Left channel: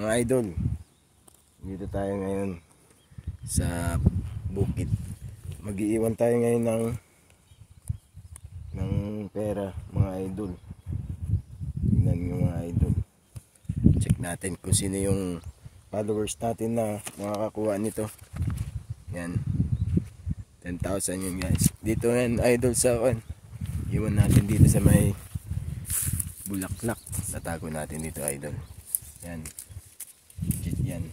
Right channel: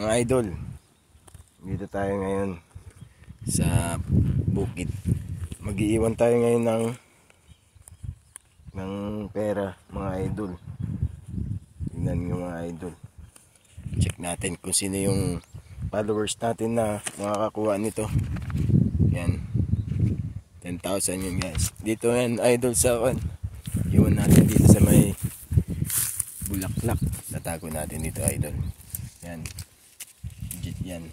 Mga idol, dito tayo ngayon sa bukid. Mag-iiwan tayo ngayon ng pera, mga idol. Tingnan nyo mga idol. Check natin kung sino yung followers natin na makakakuha nito. Yan, 10,000 yun guys. Dito yan idol sa iwan natin dito sa may bulaklak. Tatago natin dito idol. Yan, legit yan.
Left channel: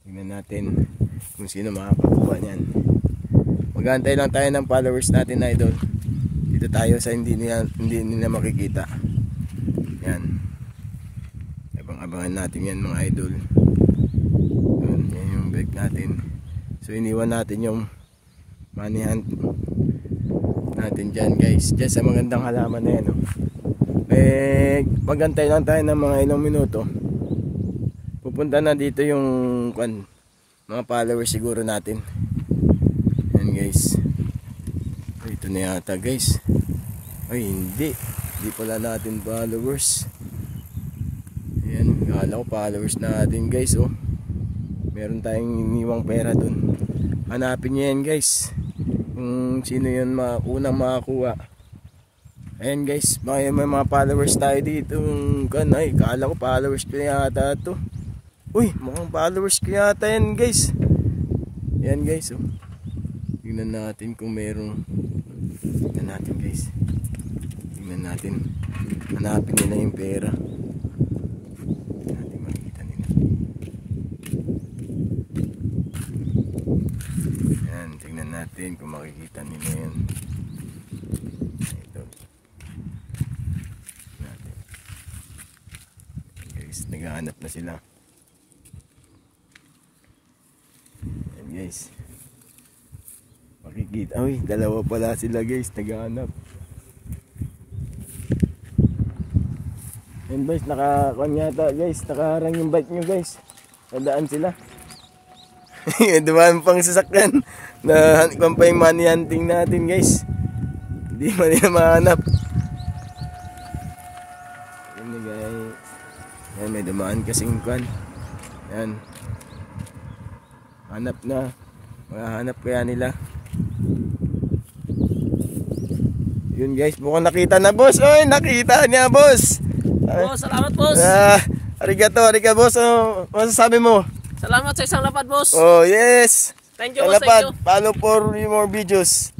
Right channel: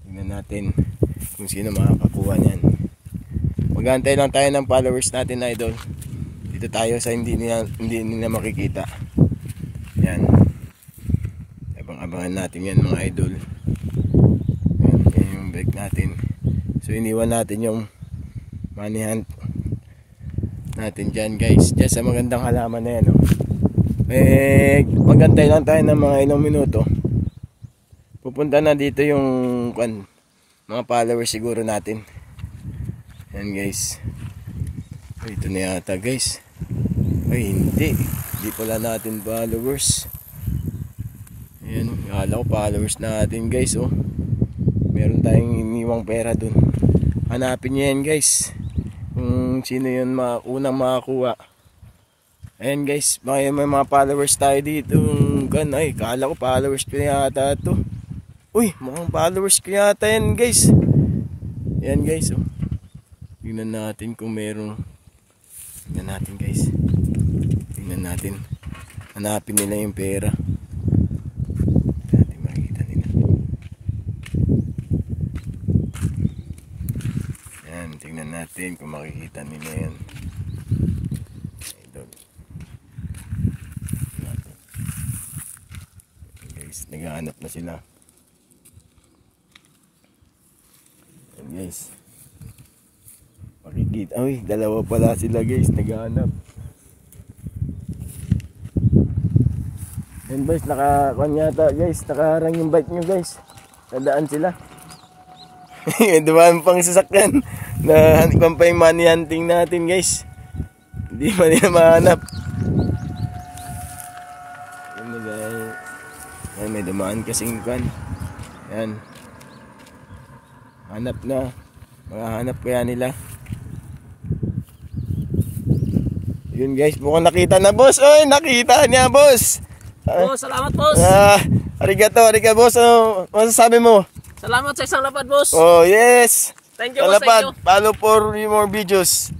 Tingnan natin kung sino makakakuha niyan. Mag-aantay lang tayo ng followers natin idol. Dito tayo sa hindi nila makikita. Yan, abang-abangan natin yan mga idol. Yan yung bag natin. So iniwan natin yung money hunt natin dyan guys, dyan sa magandang halaman na yan magantay lang tayo ng mga ilang minuto. Pupunta na dito yung mga followers siguro natin. Yan guys. Ay, ito na yata guys. Ay hindi pala natin followers. Ayan, akala ko followers natin guys. Meron tayong iniwang pera dun. Hanapin nyo yan guys, kung sino yun unang makakuha. Ayan guys, may mga followers tayo dito. Ay, kala ko followers ko yata to. Uy, mukhang followers ko yata yan guys. Ayan guys, tingnan natin kung meron. Tingnan natin guys. Tingnan natin. Hanapin nila yung pera. Natin makikita nila. Ayan, tingnan natin kung makikita nila yan. Naghahanap na sila. Ayan guys, makikita. Uy, dalawa pala sila guys, naghahanap. Ayan guys, yata guys, nakaharang yung bike nyo guys. Nadaan sila. Dumaan pang sasakyan na kung pa yung money hunting natin guys. Hindi man nila mahanap. Ayan guys. Yan, may dumaan kasing yan, hanap na. Makahanap kaya nila. Yun guys, mukhang nakita na boss. Oy, nakita niya boss. Salamat boss. Arigato boss. Ano masasabi mo? Salamat sa isang lapad boss. Oh yes, thank you boss, thank you. Follow for more videos.